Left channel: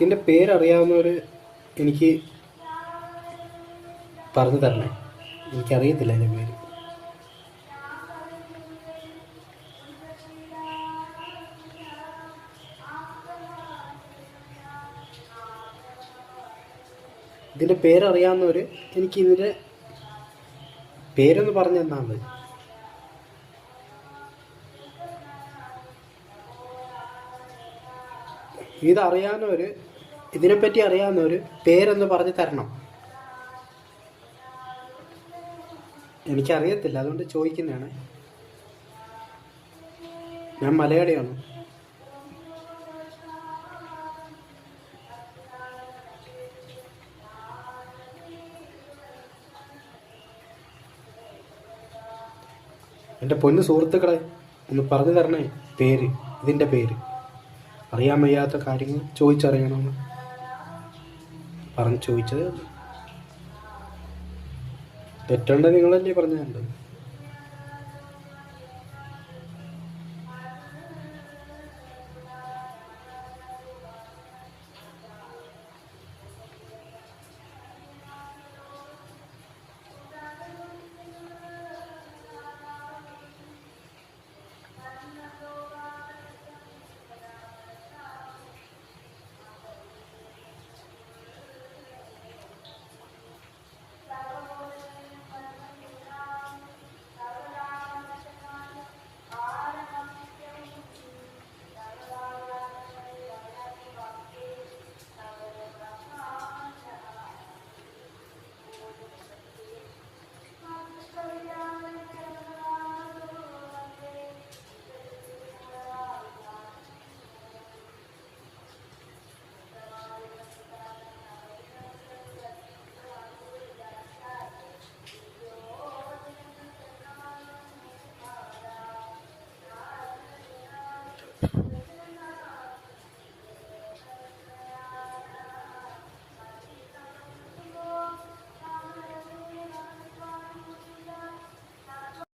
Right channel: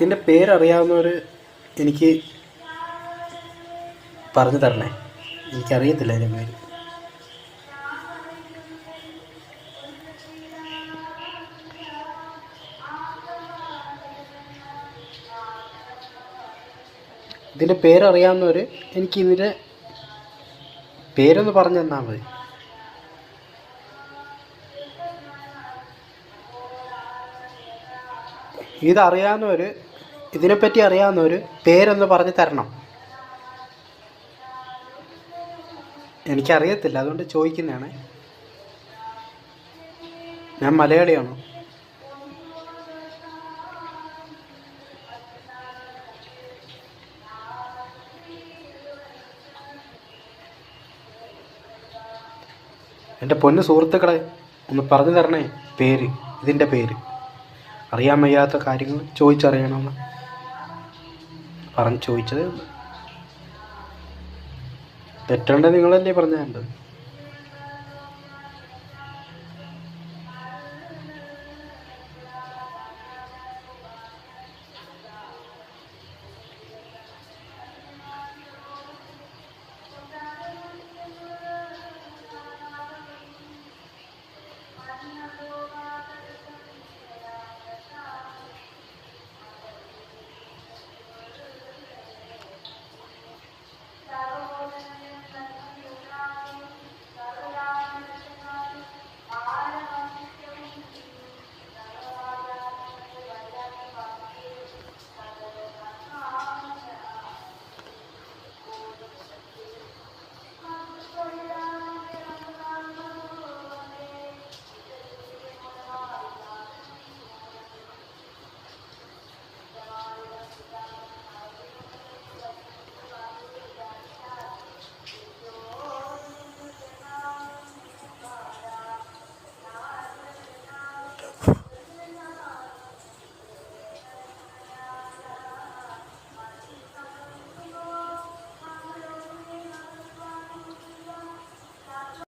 ഇതിൻ്റെ പേരറിയാവുന്നവർ എനിക്ക് പറഞ്ഞു തരണേ. എനിക്കറിയത്തില്ല അതിൻ്റെ പേര്. ഇതിൻ്റെ പേരറിയാവുന്നവർ എനിക്ക് ഇതിൻ്റെ പേരൊന്ന് പറഞ്ഞു തന്നാൽ മതി. ഇതറിയാവുന്നവർ, ഇതിനെപ്പറ്റി അറിയാവുന്നവർ പേരൊന്ന് പറഞ്ഞു തരണം. എനിക്കറിയത്തില്ല, അതുകൊണ്ട് ചോദിക്കുന്നതാണ്. ഞാൻ മലയാളിയാണ്. എൻ്റെ പൊന്നു സുഹൃത്തുക്കളെ, ഒന്ന് പറഞ്ഞു തരണേ പേര്, ഇതിൻ്റെ പേര്. അറിയാൻ വയ്യാത്ത കാര്യങ്ങൾ ചോദിച്ചറിയണമെന്ന് പറഞ്ഞ് ചോദിച്ചതേ ഉള്ളൂ. തെറ്റുണ്ടെങ്കിൽ നിങ്ങളല്ലേ പറഞ്ഞു തരേണ്ടത്.